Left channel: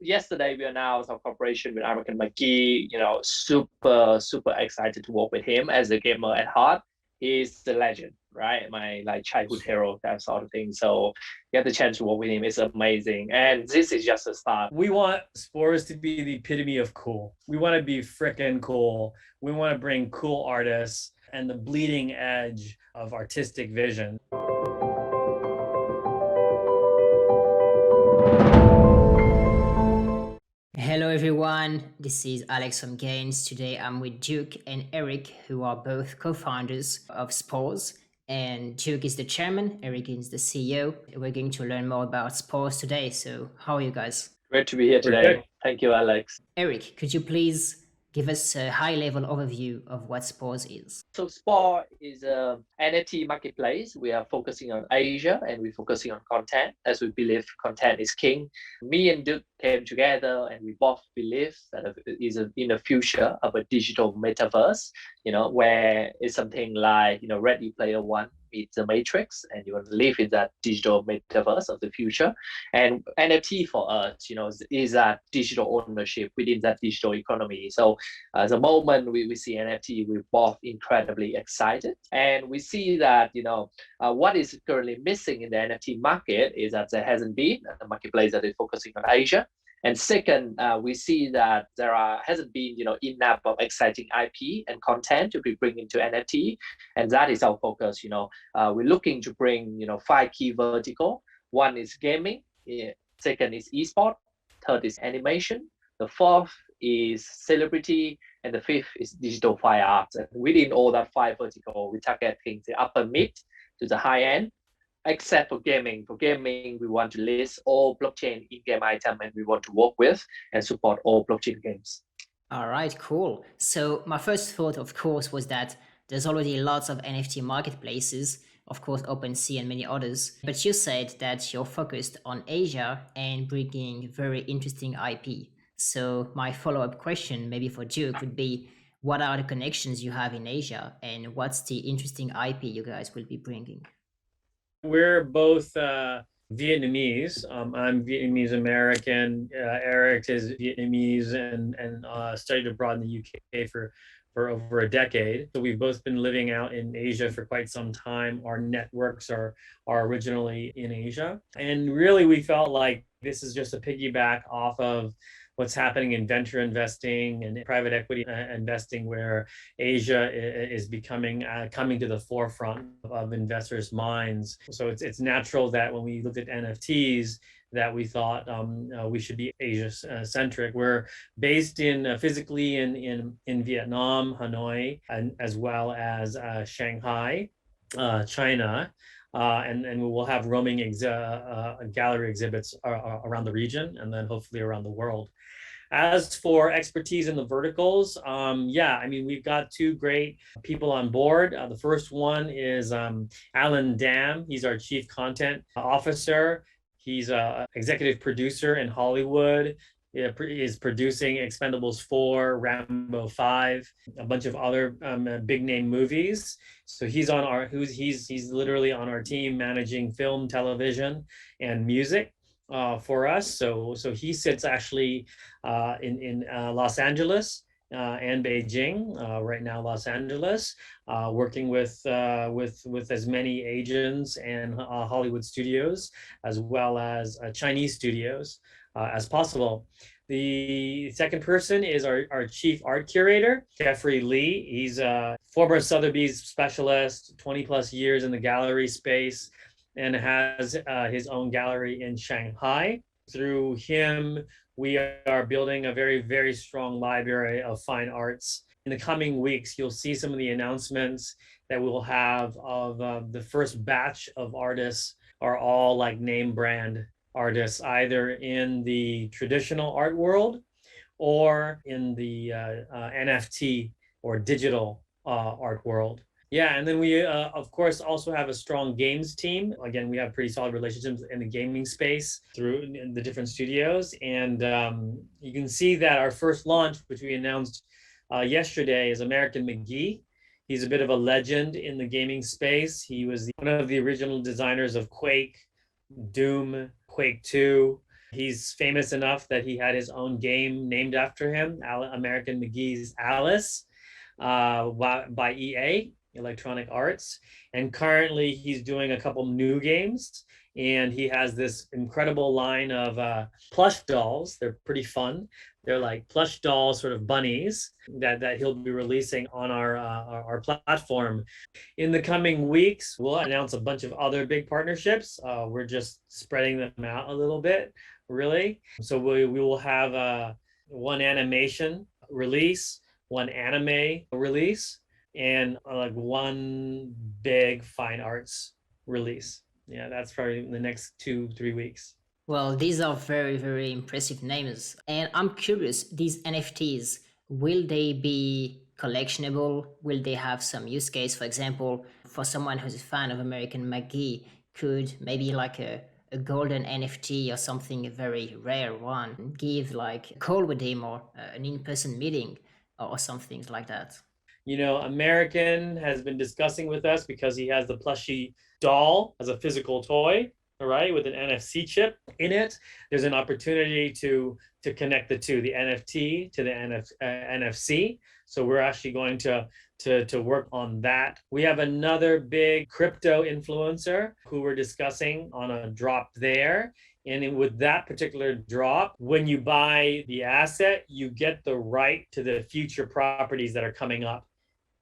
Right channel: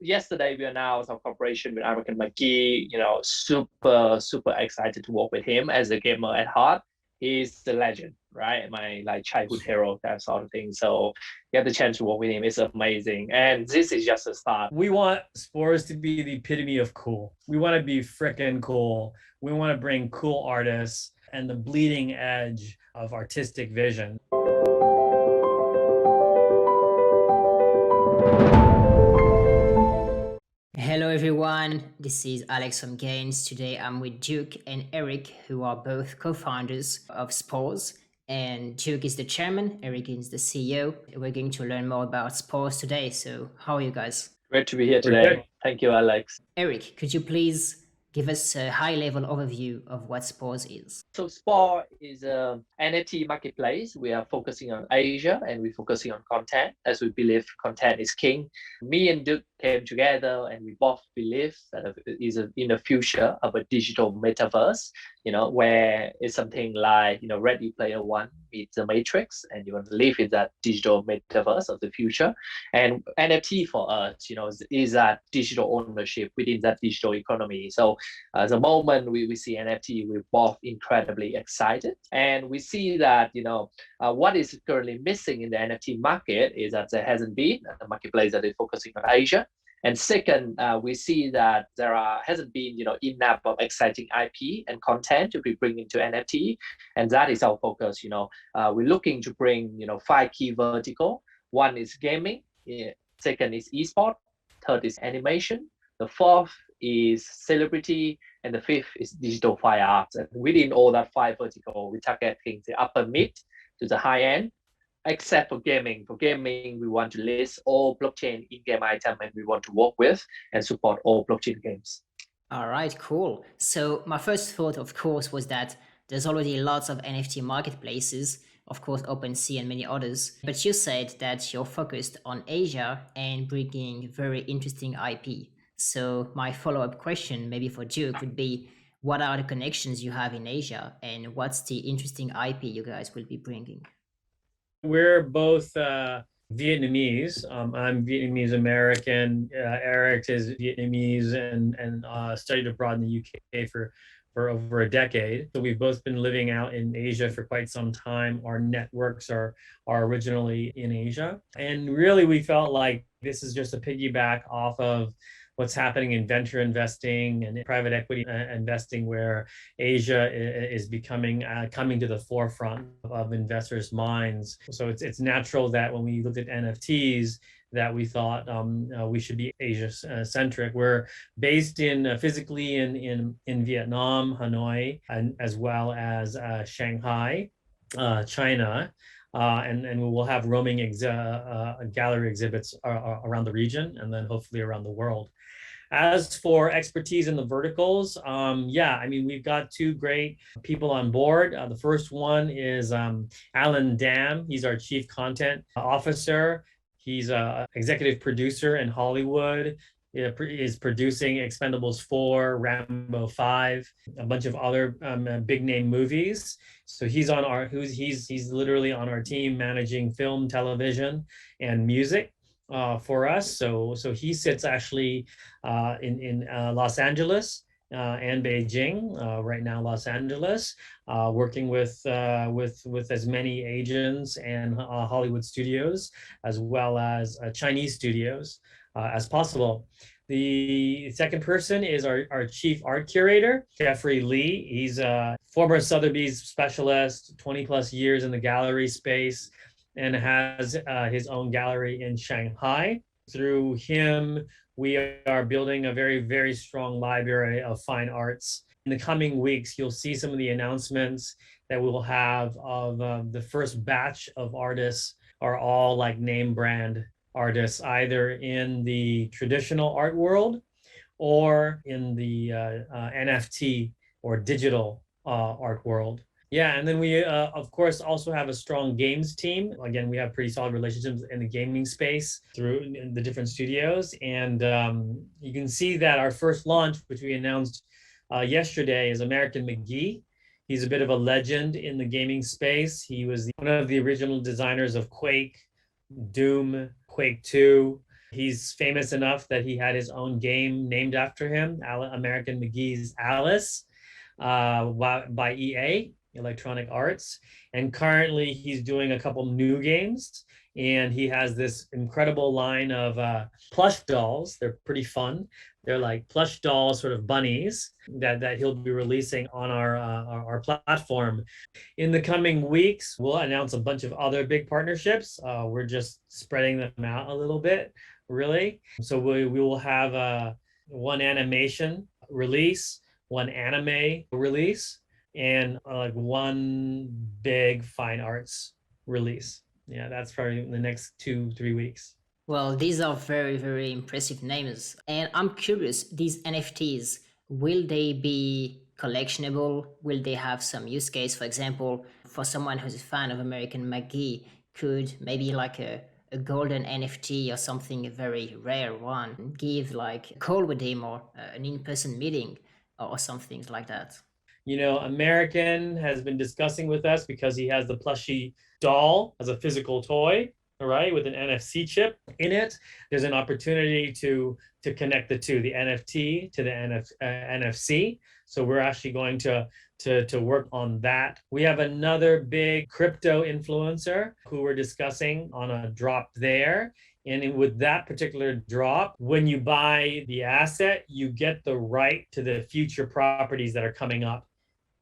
yesterday we announced our cooperation with Eric and McGee. Super excited to work with him as a gamer at heart. He's the legend, right? My like childhood hero, that sort of thing. So get the chance to work with him is amazing. And this is just a start. We want Spores to be the epitome of cool. We want to be freaking cool. We want to bring cool artists and the bleeding edge of artistic vision. Hello everyone, this is Alex from Gains. Today I'm with Duke and Eric, who are both co-founders of Spores. And Duke is the chairman, Eric is the CEO. We're going to learn more about Spores today. So how are you guys? Great to be here today. Thank you, Alex. Eric, could you please give us a high-level overview of what Spores is? So Spore is a NFT marketplace. We are focusing on Asia and we're focusing on content as we believe content is king. Me and Duke came together and we both believe that in the future of a digital metaverse, where it's something like, Ready Player One meets the Matrix, and you want to live in that digital metaverse of the future. And NFT for us, is that digital ownership within that digital economy. So the moment we see NFT, we're both incredibly excited. And we see that, what is currently missing in the NFT market is that there hasn't been a marketplace that is focusing on Asia. And second, we see that there hasn't been, enough of exciting IP and content to be bring into NFT, and that is our focus. We're looking to bring, 5 key vertical. One is gaming, second is esport, third is animation, the fourth is celebrity, and the fifth is digital fine arts. And within all that 5 vertical, we targeting the upper mid to the high end. Except for gaming. For gaming, we want to list all blockchain in-game item and we want to work with and support all blockchain games. All right, cool. So my first thought, of course, was that there's already lots of NFT marketplaces, of course, OpenSea and many others. But you said that you're focused on Asia and bringing very interesting IP. So my follow-up question, maybe for Duke, would be, what are the connections you have in Asia and what's the interesting IP you guys will be bringing? We're both Vietnamese. I'm Vietnamese American. Eric is Vietnamese and studied abroad in the UK for over a decade. So we've both been living out in Asia for quite some time. Our networks are originally in Asia. And really, we felt like this is just a piggyback off of what's happening in venture investing and private equity investing, where Asia is becoming coming to the forefront of investors' minds. So it's natural that when we looked at NFTs, that we thought we should be Asia-centric. We're based physically in Vietnam, Hanoi, and as well as Shanghai, China. And we will have roaming gallery exhibits around the region and then hopefully around the world. As for expertise in the verticals, we've got 2 great people on board. The first one is Alan Dam. He's our Chief Content Officer. He's an executive producer in Hollywood. He is producing Expendables 4, Rambo 5, a bunch of other big name movies. So he's literally on our team managing film, television, and music for us. So he sits actually in Los Angeles and Beijing. Right now, Los Angeles, working with as many agents and Hollywood studios as well as Chinese studios as possible. The second person is our chief art curator, Jeffrey Lee. He's a former Sotheby's specialist, 20 plus years in the gallery space, and has his own gallery in Shanghai. Through him, we are building a very, very strong library of fine arts. In the coming weeks, you'll see some of the announcements that we will have of the first batch of artists are all like name brand artists, either in the traditional art world or in the NFT or digital art world. Yeah, and then we, of course, also have a strong games team. Again, we have pretty solid relationships in the gaming space through the different studios. And you can see that our first launch, which we announced yesterday, is American McGee. He's a bit of a legend in the gaming space. He was one of the original designers of Quake, Doom, Quake 2, He's famous enough that he had his own game named after him, American McGee's Alice, by EA, Electronic Arts. And currently he's doing a couple new games. And he has this incredible line of plush dolls. They're pretty fun. They're like plush doll sort of bunnies that he'll be releasing on our platform. In the coming weeks, we'll announce a bunch of other big partnerships. We're just spreading them out a little bit, really. So we will have one animation release, one anime release, and like one big fine arts release. Yeah, that's probably in the next 2-3 weeks. Well, these are very, very impressive names. And I'm curious, these NFTs, will they be collectionable? Will they have some use case? For example, for someone who's a fan of American McGee, could maybe like a golden NFT or something, a very rare one, give like a call with him or an in-person meeting or something like that? American has been discussing with us because he has the plushy doll as a physical toy, all right, with an NFC chip in it. There's an opportunity to connect the two, the NFT to the NFC. So we're actually going to work on that. We have another big crypto influencer who we're discussing on a drop there. And with that particular drop, when you buy the asset, you get the right to the future properties that are coming up.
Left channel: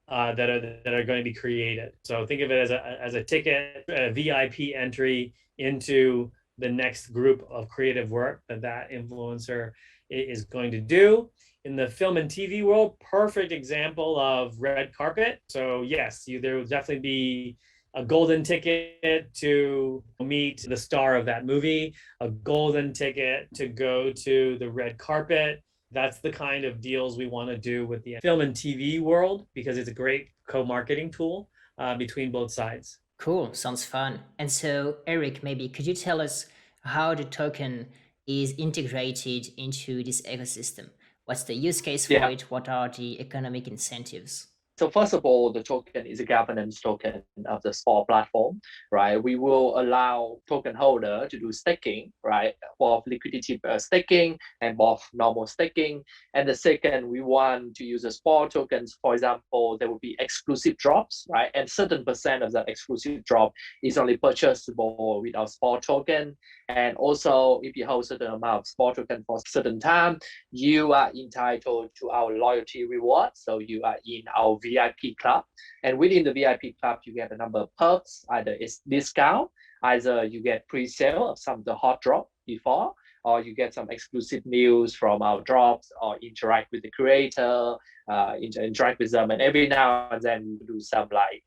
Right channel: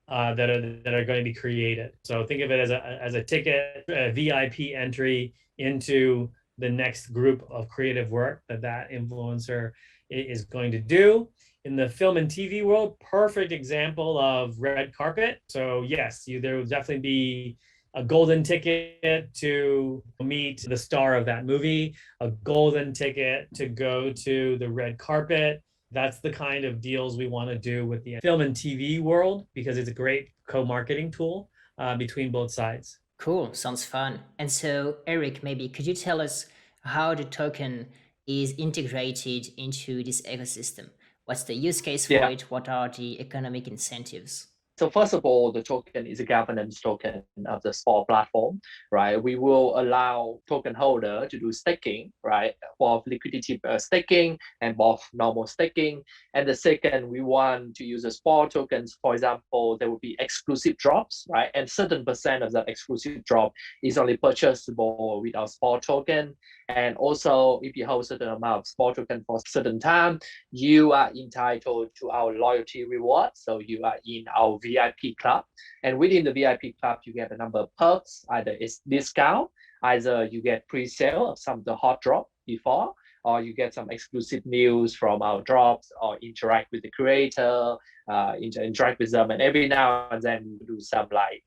That are going to be created. So think of it as a ticket, a VIP entry into the next group of creative work that influencer is going to do. In the film and TV world, perfect example of red carpet. So yes, there will definitely be a golden ticket to meet the star of that movie, a golden ticket to go to the red carpet. That's the kind of deals we want to do with the film and TV world because it's a great co-marketing tool between both sides. Cool, sounds fun. And so, Eric, maybe could you tell us how the token is integrated into this ecosystem? What's the use case for it? What are the economic incentives? So first of all, the token is a governance token of the Spore platform, right? We will allow token holder to do staking, right? Both liquidity staking and both normal staking. And the second, we want to use the Spore tokens. For example, there will be exclusive drops, right? And certain percent of that exclusive drop is only purchasable with our Spore token. And also, if you hold a certain amount of Spore token for a certain time, you are entitled to our loyalty reward. So you are in our VIP club. And within the VIP club, you get a number of perks. Either it's discount, either you get pre-sale of some of the hot drop before, or you get some exclusive news from our drops, or interact with the creator, interact with them. And every now and then we do some like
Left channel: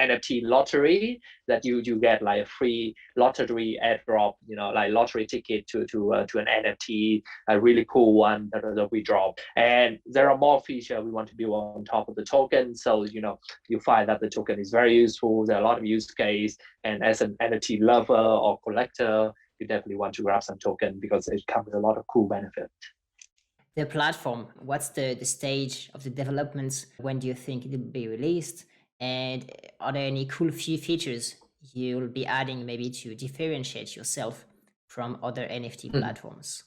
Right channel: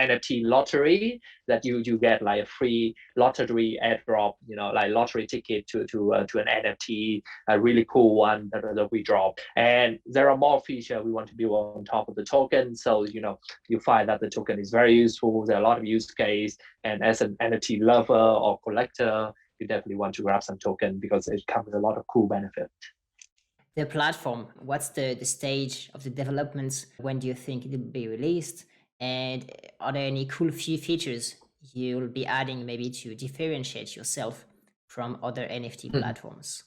NFT lottery that you get like a free lottery airdrop, like lottery ticket to an NFT, a really cool one that we drop. And there are more features we want to build on top of the token. So, you find that the token is very useful. There are a lot of use case. And as an NFT lover or collector, you definitely want to grab some token because it comes with a lot of cool benefit. The platform, what's the stage of the developments? When do you think it will be released? And are there any cool features you'll be adding maybe to differentiate yourself from other NFT platforms?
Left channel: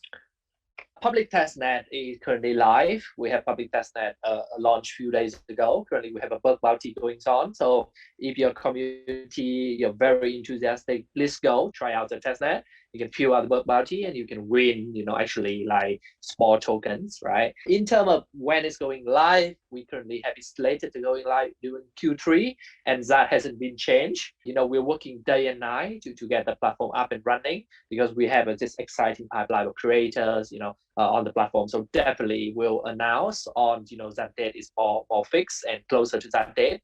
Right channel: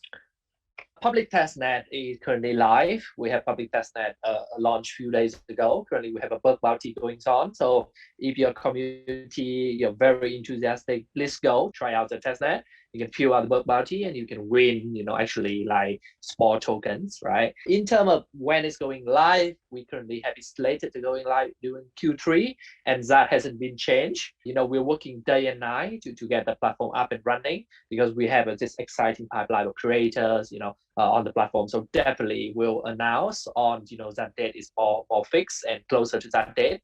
Public testnet is currently live. We have public testnet launched a few days ago. Currently, we have a bug bounty going on. So if your community, you're very enthusiastic, please go try out the testnet. You can fill out the bug bounty and you can win, actually like small tokens, right? In terms of when it's going live, we currently have it slated to going live during Q3, and that hasn't been changed. We're working day and night to get the platform up and running because we have this exciting pipeline of creators, on the platform. So definitely we'll announce on, that date is more fixed and closer to that date,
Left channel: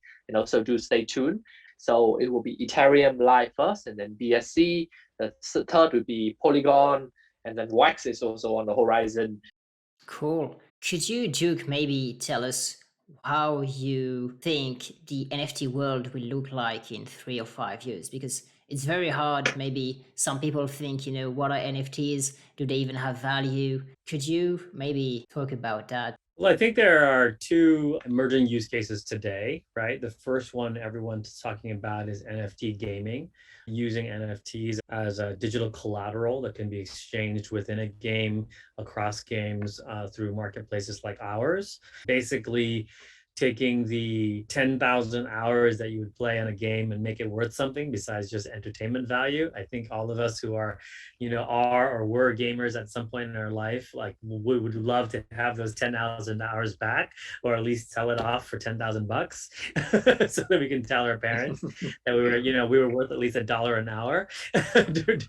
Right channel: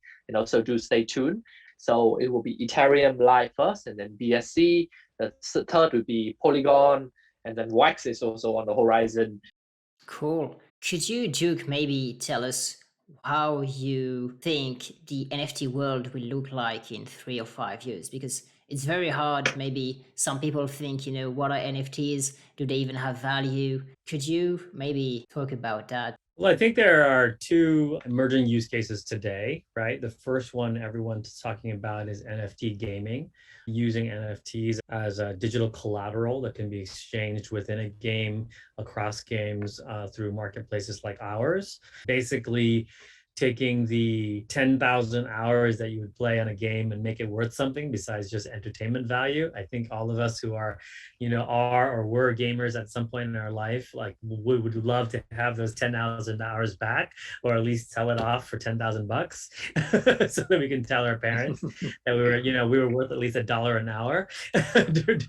so do stay tuned. So it will be Ethereum live first and then BSC. The third would be Polygon, and then Wax is also on the horizon. Cool. Could you, Duc, maybe tell us how you think the NFT world will look like in 3 or 5 years? Because it's very hard. Maybe some people think, what are NFTs? Do they even have value? Could you maybe talk about that? Well, I think there are two emerging use cases today, right? The first one everyone's talking about is NFT gaming, using NFTs as a digital collateral that can be exchanged within a game, across games, through marketplaces like ours. Basically, taking the 10,000 hours that you would play on a game and make it worth something besides just entertainment value. I think all of us who are, are or were gamers at some point in our life, like we would love to have those 10,000 hours back, or at least sell it off for 10,000 bucks so that we can tell our parents that we were worth at least $1 an hour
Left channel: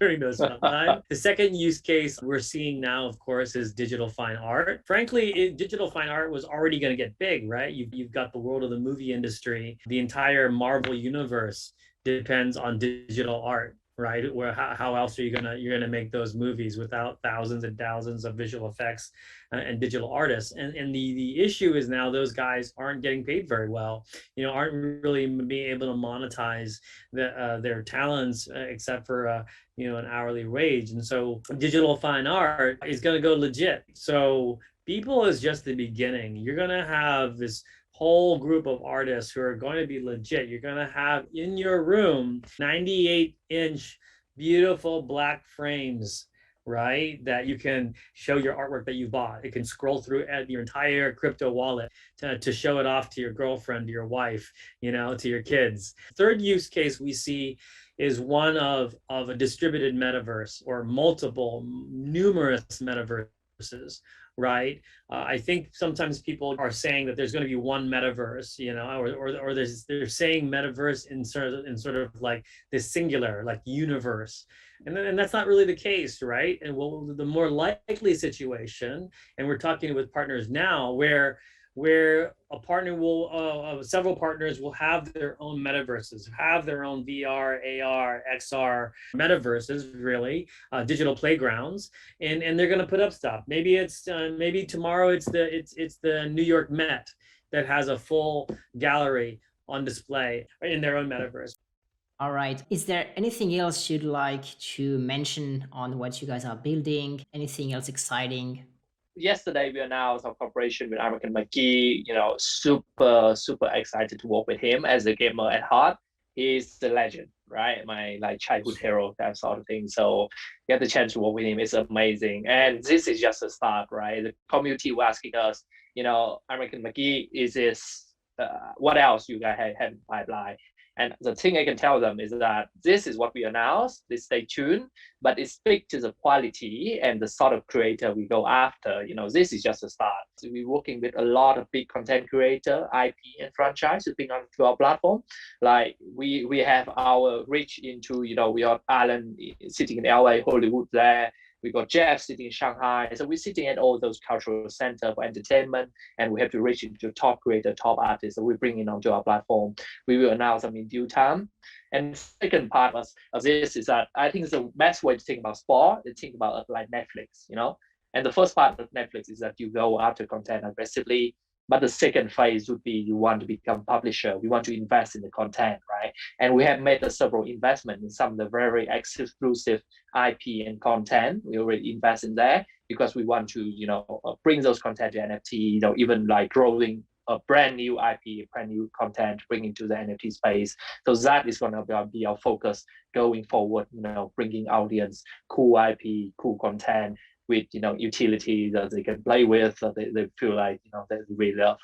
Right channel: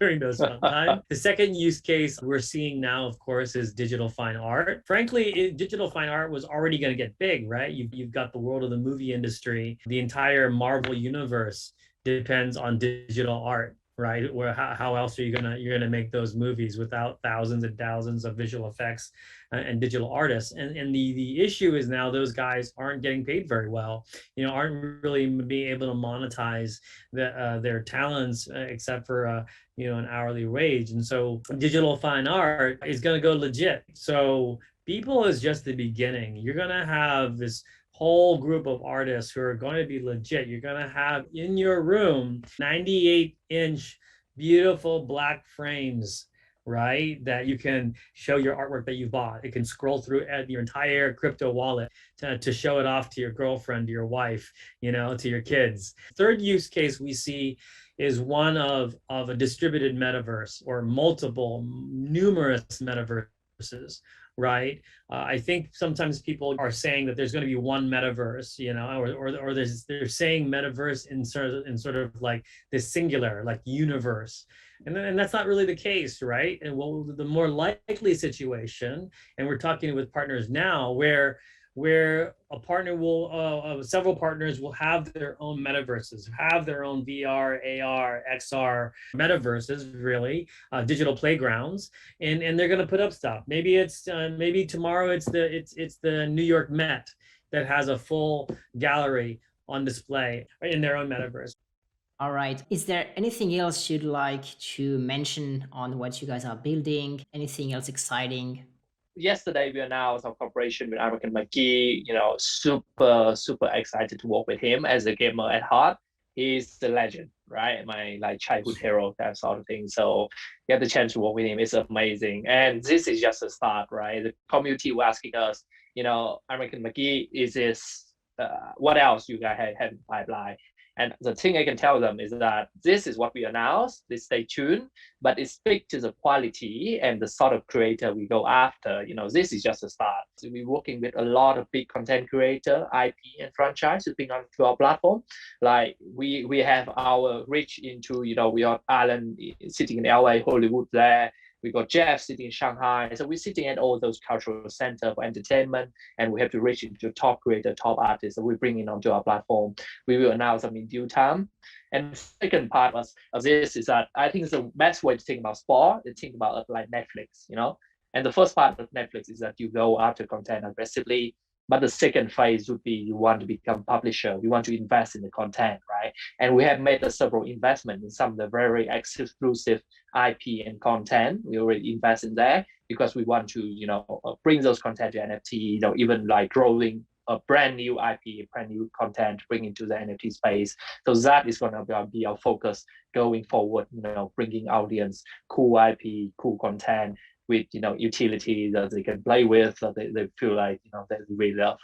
during those fun times. The second use case we're seeing now, of course, is digital fine art. Frankly, digital fine art was already going to get big, right? You've got the world of the movie industry. The entire Marvel universe depends on digital art, right? Where how else are you're gonna make those movies without thousands and thousands of visual effects and digital artists? And the issue is now those guys aren't getting paid very well. Aren't really being able to monetize their talents except for an hourly wage. And so digital fine art is going to go legit. So People is just the beginning. You're going to have this whole group of artists who are going to be legit. You're going to have in your room 98-inch beautiful black frames, right? That you can show your artwork that you bought. It can scroll through your entire crypto wallet to show it off to your girlfriend, to your wife, to your kids. Third use case we see is one of a distributed metaverse, or numerous metaverses, right? I think sometimes people are saying that there's going to be one metaverse, or they're saying metaverse in sort of like this singular, like universe. And that's not really the case, right? And well, the more likely situation, and we're talking with partners now, where a partner several partners will have their own metaverses, have their own VR, AR, XR metaverses, really, digital playgrounds, and they're going to put up stuff. Maybe tomorrow it's the New York Met that has a full gallery on display in their own metaverse. All right. Is there anything else you'd like to mention on what you guys are building? Anything else exciting? Yesterday, we announced our cooperation with Eric McGee. Super excited to work with him as a gamer at heart. He's the legend, right? My childhood hero, that sort of thing. So get the chance to work with him is amazing. And this is just a start, right? The community were asking us, Eric McGee, is this what else you guys have in the pipeline? And the thing I can tell them is that this is what we announced, please stay tuned, but it speaks to the quality and the sort of creator we go after. This is just a start. So we're working with a lot of big content creator, IP and franchise who've been onto our platform. Like we have our reach into, we have Alan sitting in LA, Hollywood there. We got Jeff sitting in Shanghai. So we're sitting at all those cultural centers for entertainment, and we have to reach into top creator, top artists that we bring in onto our platform. We will announce them in due time. And the second part of this is that I think it's the best way to think about sport, to think about it like Netflix, And the first part of Netflix is that you go after content aggressively. But the second phase would be you want to become publisher. We want to invest in the content, right? And we have made several investments in some of the very exclusive IP and content. We already invest in there because we want to, bring those content to NFT, even like growing a brand new IP, brand new content, bring into the NFT space. So that is going to be our focus going forward, bringing audience, cool IP, cool content, with utility that they can play with, that they feel like they really love.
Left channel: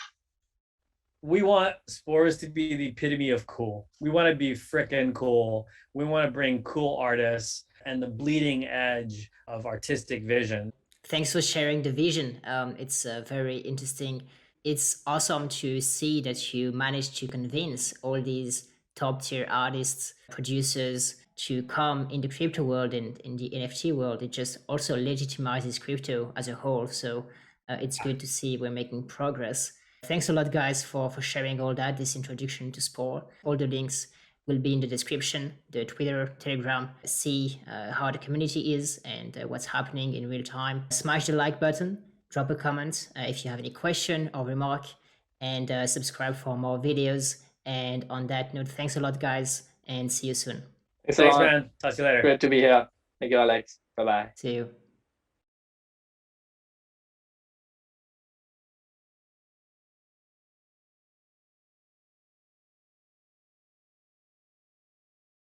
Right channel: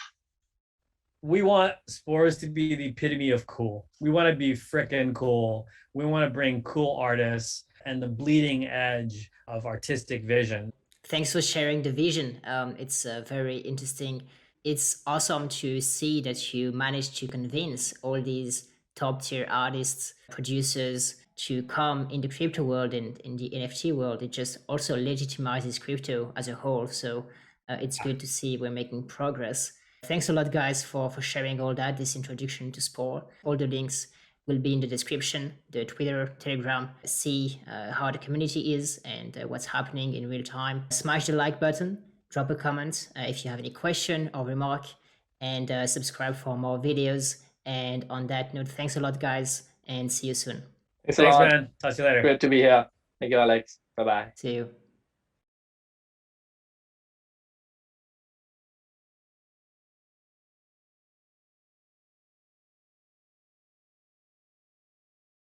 We want Spores to be the epitome of cool. We want to be frickin' cool. We want to bring cool artists and the bleeding edge of artistic vision. Thanks for sharing the vision. It's very interesting. It's awesome to see that you managed to convince all these top tier artists, producers to come in the crypto world and in the NFT world. It just also legitimizes crypto as a whole. So it's good to see we're making progress. Thanks a lot, guys, for sharing all that, this introduction to Spore. All the links will be in the description, the Twitter, Telegram. See how the community is and what's happening in real time. Smash the like button, drop a comment if you have any question or remark, and subscribe for more videos. And on that note, thanks a lot, guys, and see you soon. Thanks, man. Talk to you later. Good to be here. Thank you, Alex. Bye-bye. See you.